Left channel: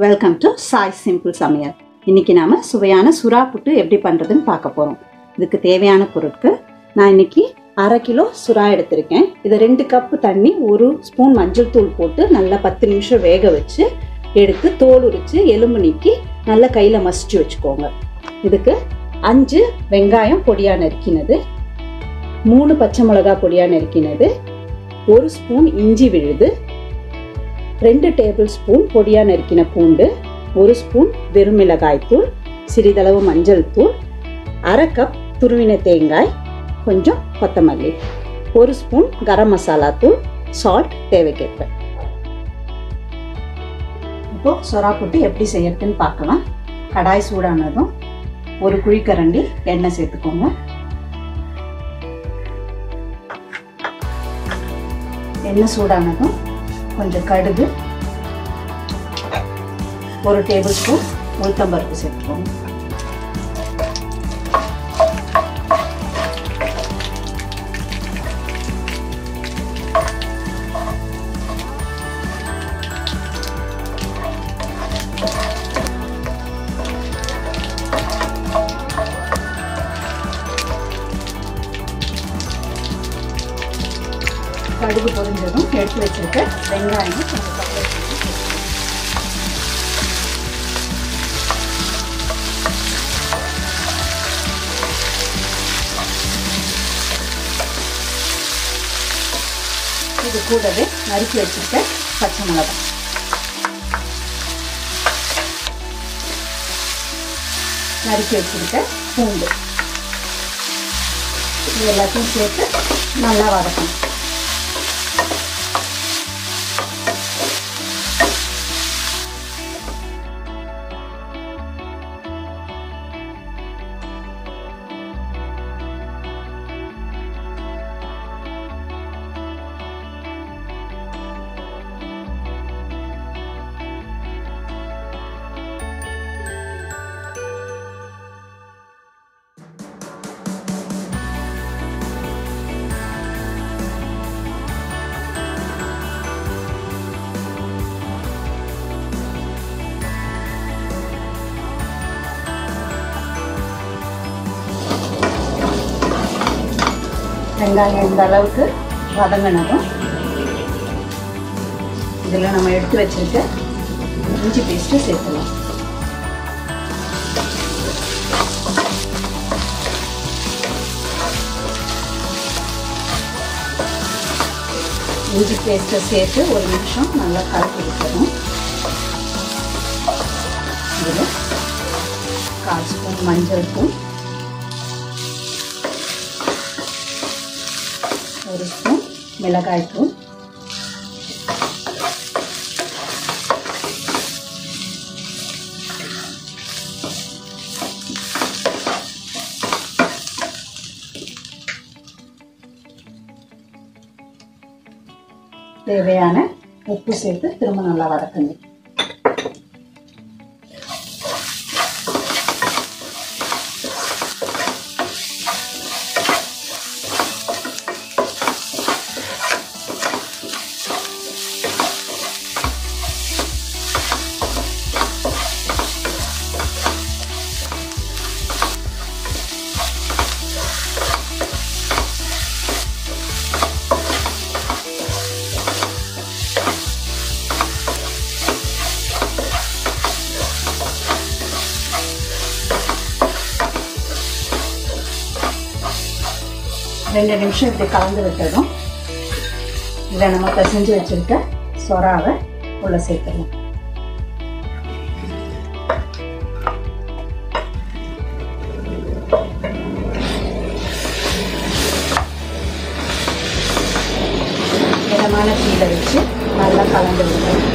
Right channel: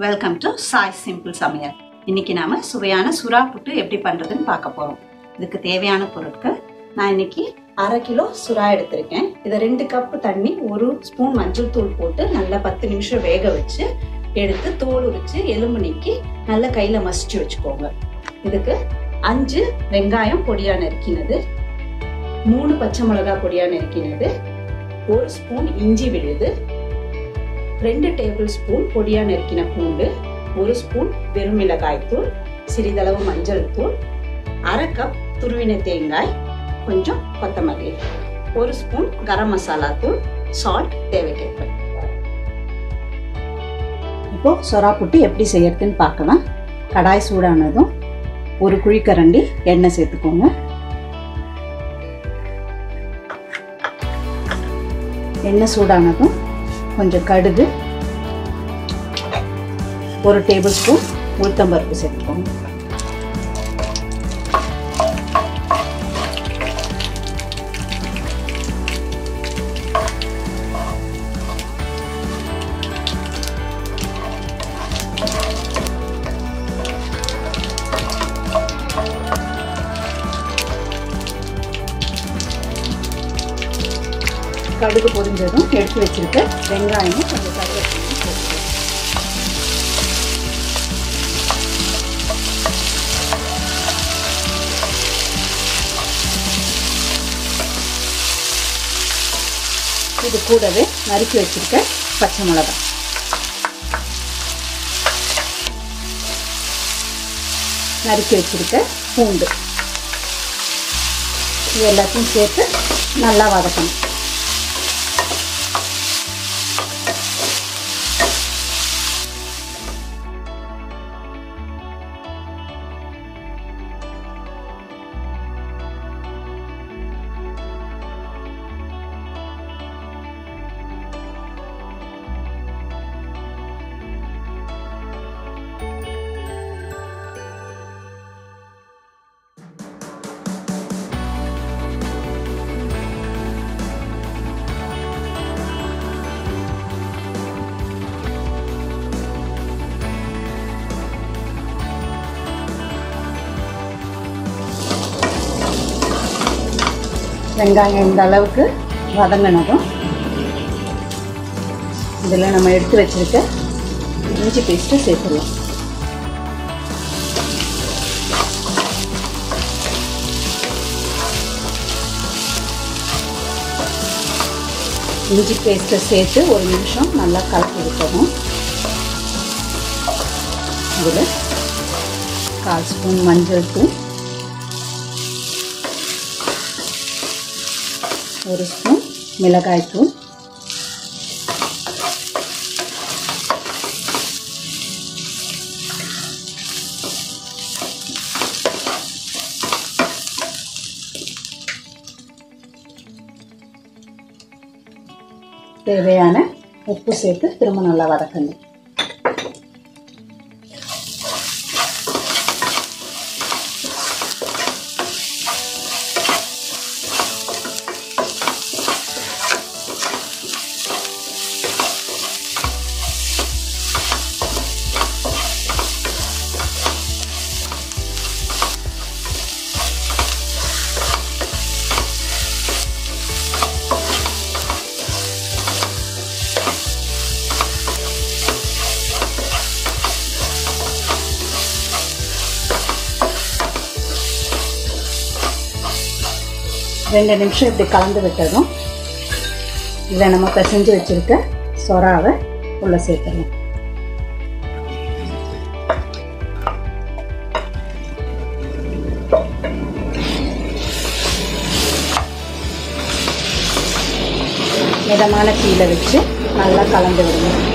Welcome to Sai simple சமையல். இன்னைக்கு நாம சுவையான சுறா புட்டு எப்படி பண்றதுன்னு பார்க்க போறோம். இதுக்கு தேவையான பொருட்கள் நான் இன்னைக்கு 1/2 கிலோ சுறா எடுத்திருக்கேன். இதை 2 கப் தண்ணி 1 ஸ்பூன் மஞ்சள் தூள் போட்டு நல்லா 10 நிமிஷம் வேக வச்சு எடுத்து தோல் உரிச்சு எலும்பு நீக்கி நல்லா கையில மசிச்சு வச்சுக்கோங்க. இதுக்கு 5 வெங்காயம் பொடியா நறுக்கினது, 3 பச்சை மிளகாய் பொடியா நறுக்கினது, 1 ஸ்பூன் இஞ்சி விழுது, 2 டேபிள் ஸ்பூன் பொடியா நறுக்கின பூண்டு, 1 ஸ்பூன் வெறுமிளகாய் தூள், சிறிதளவு மஞ்சள் தூள், 1/2 கப் துருவின தேங்காய், கொஞ்சம் கொத்தமல்லி, 1 ஸ்பூன் கரம் மசாலா தூள், சால்ட் தேவைக்கேற்ப. இப்போ சுறா புட்டு எப்படி செய்யறதுன்னு பார்க்கலாம். கடாய் சூடானதும் 1 குழிக்கரண்டி எண்ணெய் சேர்த்துக்கோங்க. எண்ணெய் சூடானதும் கொஞ்சம் கடுகு, 1 டேபிள் ஸ்பூன் உளுத்தம்பருப்பு சேர்த்துக்கோங்க. கடுகு பொரிஞ்சதும் எடுத்து வச்சிருக்க வெங்காயம் கொஞ்சம் கருவேப்பிலை இது கூடவே நறுக்கி வச்சிருக்க பச்சை மிளகாய், நறுக்கி வச்சிருக்க பூண்டு, இது எல்லாத்தையும் சேர்த்து நல்லா வதக்கணும். வெங்காயம் இந்த அளவுக்கு வதங்கினதும் இதில் நம்ம எடுத்து வச்சிருக்க இஞ்சி பேஸ்ட்டு சேர்த்துக்கலாம். இஞ்சி பேஸ்ட்டை சேர்த்து 1 நிமிஷம் நல்லா கலக்கி விட்டணும். இதில் 1/4 ஸ்பூன் மஞ்சள் தூள், 1 ஸ்பூன் மிளகாய் தூள், தேவையான உப்பு சேர்த்து திரும்ப நல்லா வதக்கணும். ரெண்டு நிமிஷம் இப்படி கலந்து விட்டதும் இதை நம்ம பிசைஞ்சு வச்சிருக்க சொராவை உள்ள சேர்க்கணும். மிதமான தீயில வச்சு நல்லா கலந்து விடணும்.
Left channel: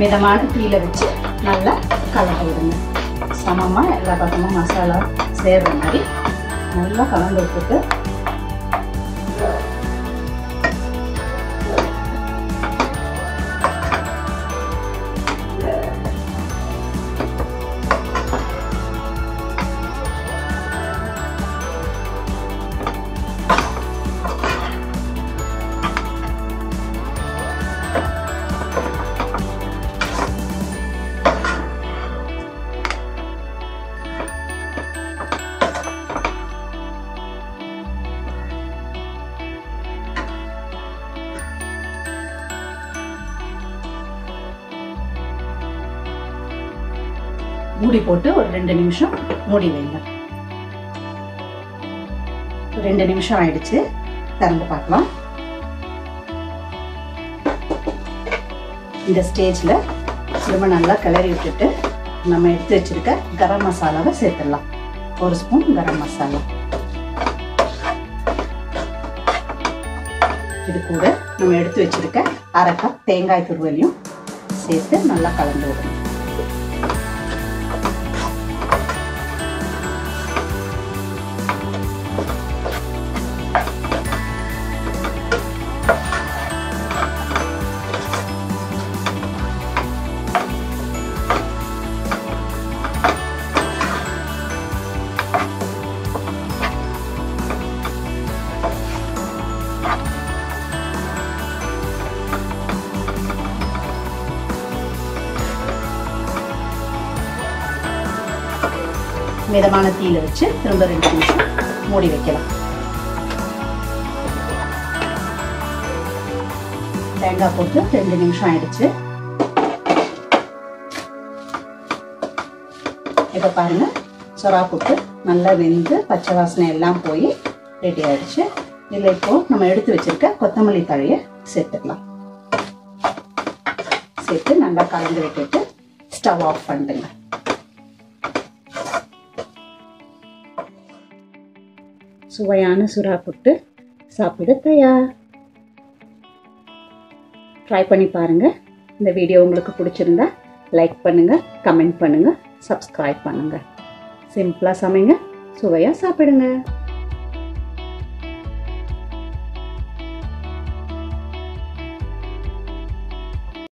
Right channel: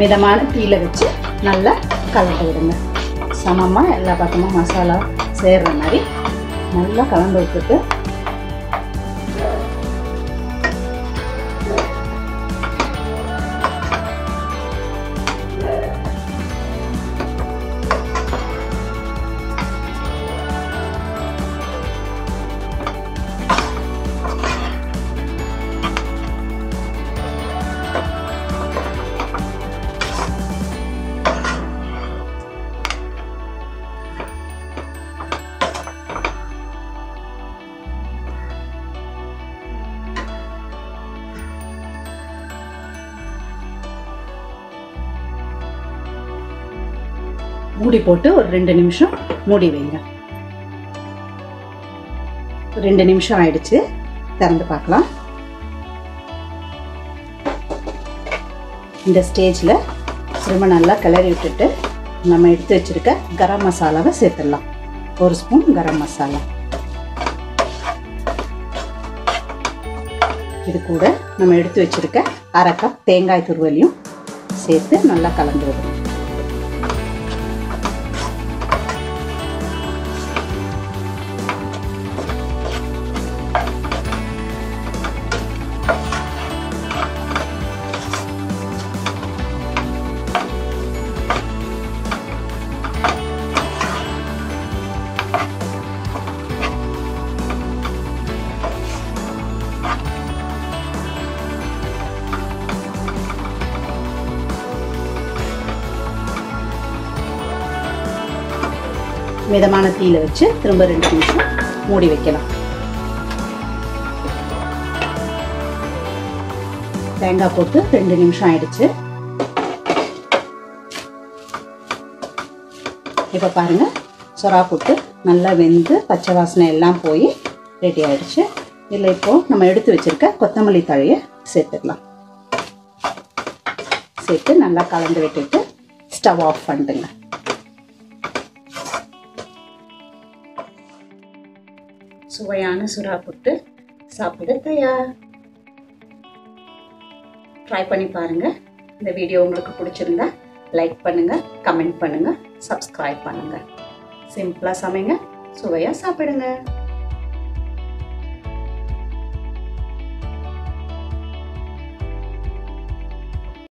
மிதமான தீயில வச்சு நல்லா கலந்து விடுங்க. சமமாக எல்லா பக்கமும் மசாலா சேர்ற மாதிரி நல்லா கலந்து விட்டுட்டு மூடி போட்டு ஒரு 2 நிமிஷம் மூடி வைங்க. 2 நிமிஷம் ஆயிடுச்சு. திறந்து பார்க்கலாம். இந்த ஸ்டேஜ்ல ரொம்ப நல்லா கிளறி விட்டுட்டு நம்ம எடுத்து வச்சிருக்க கரம் மசாலாவை சேர்த்துடலாம். 1 ஸ்பூன் கரம் மசாலா. இது கூட நம்ம எடுத்து வச்சிருக்க 1/2 கப் தேங்காய் துருவலையும் சேர்த்து நல்லா கலந்து விடுவோம். மிதமான தீயில வச்சு திரும்ப 2 நிமிஷம் மூடி வைக்கலாம். தேங்காய் போட்டு 2 நிமிஷம் ஆயிடுச்சு. இப்ப பாருங்க, சுறா புட்டு நல்லா வெந்து பச்சை வாசனை எல்லாம் போய் ரெடி ஆயிடுச்சு. இதுல இப்போ நம்ம எடுத்து வச்சிருக்க கொத்தமல்லி தழைய சேர்த்துக்கலாம். சேர்த்து நல்லா கலந்து விட்டுட்டு ஸ்டவ் ஆஃப் பண்ணிடுங்க. சுவையான சுறா புட்டு சாப்பிட தயார். ட்ரை பண்ணி பாருங்க. இந்த வீடியோ உங்களுக்கு பிடிச்சிருந்தா லைக் பண்ணுங்க, கமெண்ட் பண்ணுங்க, சப்ஸ்கிரைப் பண்ணுங்க. சிம்பிளா சமைங்க, சுவையா சாப்பிடுங்க.